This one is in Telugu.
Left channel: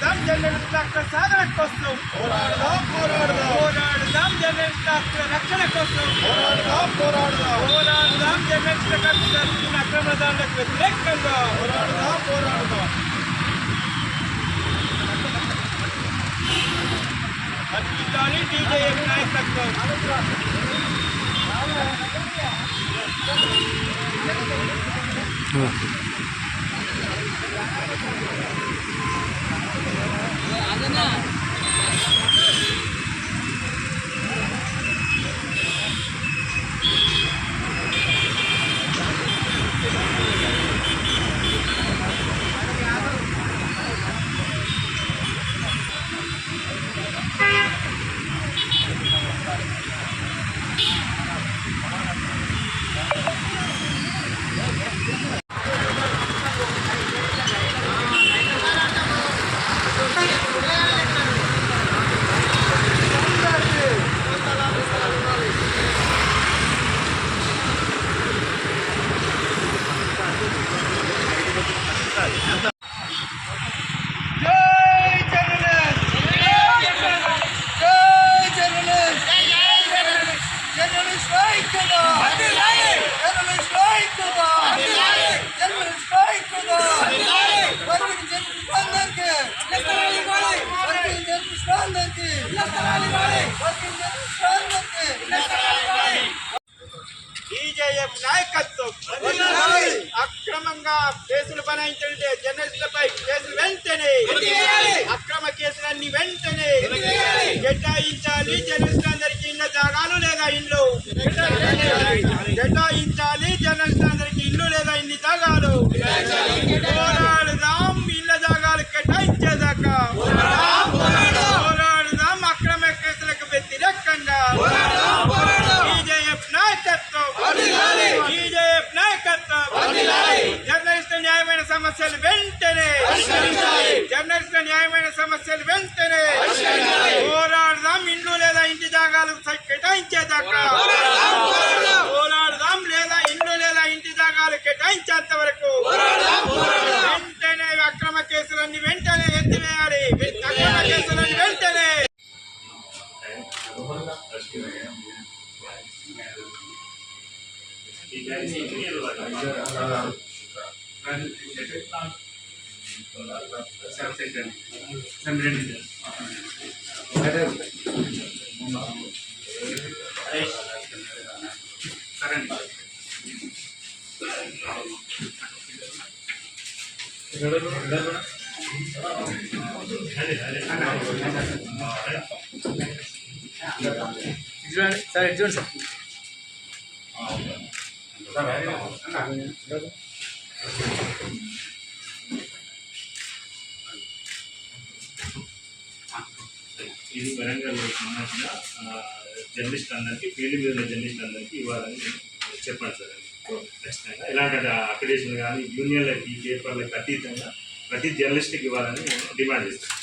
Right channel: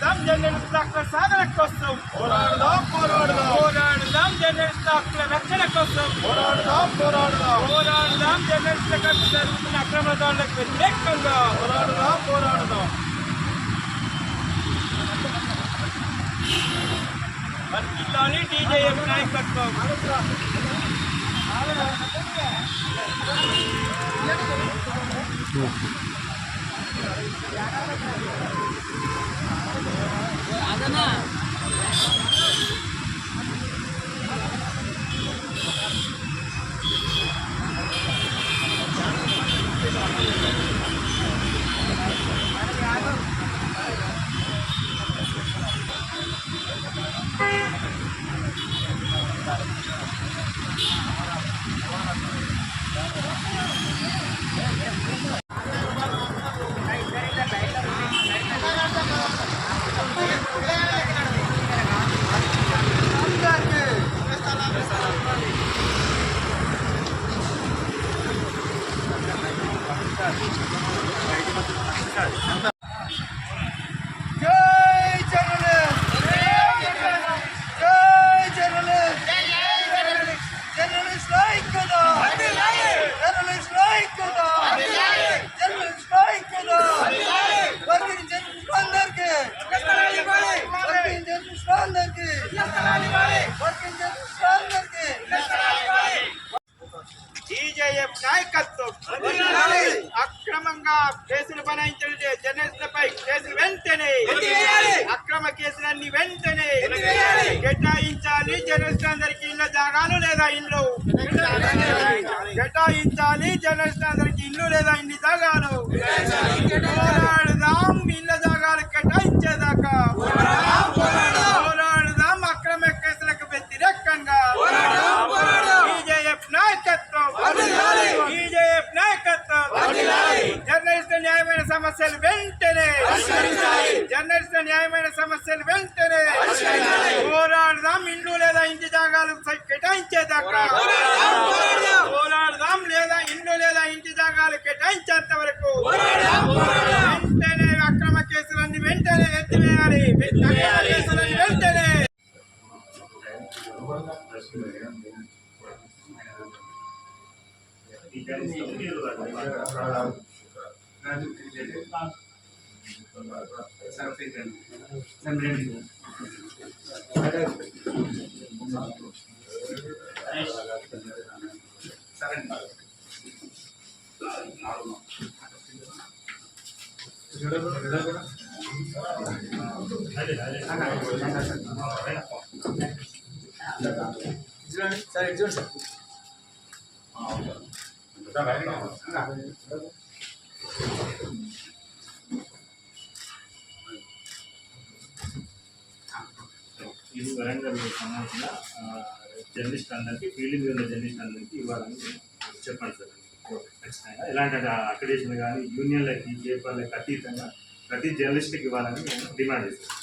పోరాడదాం జర్నలిస్ట్ హక్కుల సాధన కోసం, పోరాడదాం పోరాడదాం పోరాడదాం జర్నలిస్ట్ హక్కుల రక్షణ కోసం, పోరాడదాం పోరాడదాం పోరాడదాం జర్నలిస్టులకు జరుగుతున్న అక్రమదారులకు వ్యతిరేకంగా పోరాడదాం పోరాడదాం. వర్ధిల్లాలి టీజేఎఫ్ నాయకత్వం. టీజేఎఫ్ నాయకత్వం. అక్రమంగా కేసులు బనాయించిన జర్నలిస్టులపై కేసులు వెంటనే, అక్రమ కేసులన్నీ వెంటనే కేటాయించాలి. జర్నలిస్టులందరికీ ఇళ్ల జాగాలు లేదా ఇండ్లు కేటాయించాలి. జర్నలిస్టులందరికీ ఇల్లు లేదా ఇన్ని జాగాలు. పోరాడుదాం ఇళ్ల జాగాలు కేటాయించేదాకా. పోరాడుదాం అక్రమ కేసులకు వ్యతిరేకంగా. టీజేఎఫ్ నాయకత్వం. టీజేఎఫ్ నాయకత్వం. జర్నలిస్టుల న్యాయమైన సమస్యలు వెంటనే, జర్నలిస్టుల న్యాయమైన సమస్యలు వెంటనే పోరాడదాం. ఇండ్లు లేదా ఇంటి జాగాలు కేటాయించేదాకా పోరాడదాం. లేదా ఇండ్లు లేదా ఇంటి జాగాలు కేటాయించేంత వరకు వెంటనే అక్రమ కేసులన్నీ వెంటనే ఎత్తివేయాలి. అక్రమ కేసులన్నీ వెంటనే. సార్ చూడండి సార్. ఇది వరంగల్ సంబంధించిన జర్నలిస్ట్ అందరికీ, ఫీల్డ్ మీద జర్నలిస్ట్ అందరికీ ఇవ్వాలని చెప్పండి సార్. ఖచ్చితంగా ఇలాంటి అక్రిడేషన్ కానీ యూనియన్లకి, పేపర్లకి అతీతంగా ప్రతి జర్నలిస్ట్కి ఇవ్వాలని డిమాండ్ చేస్తాం.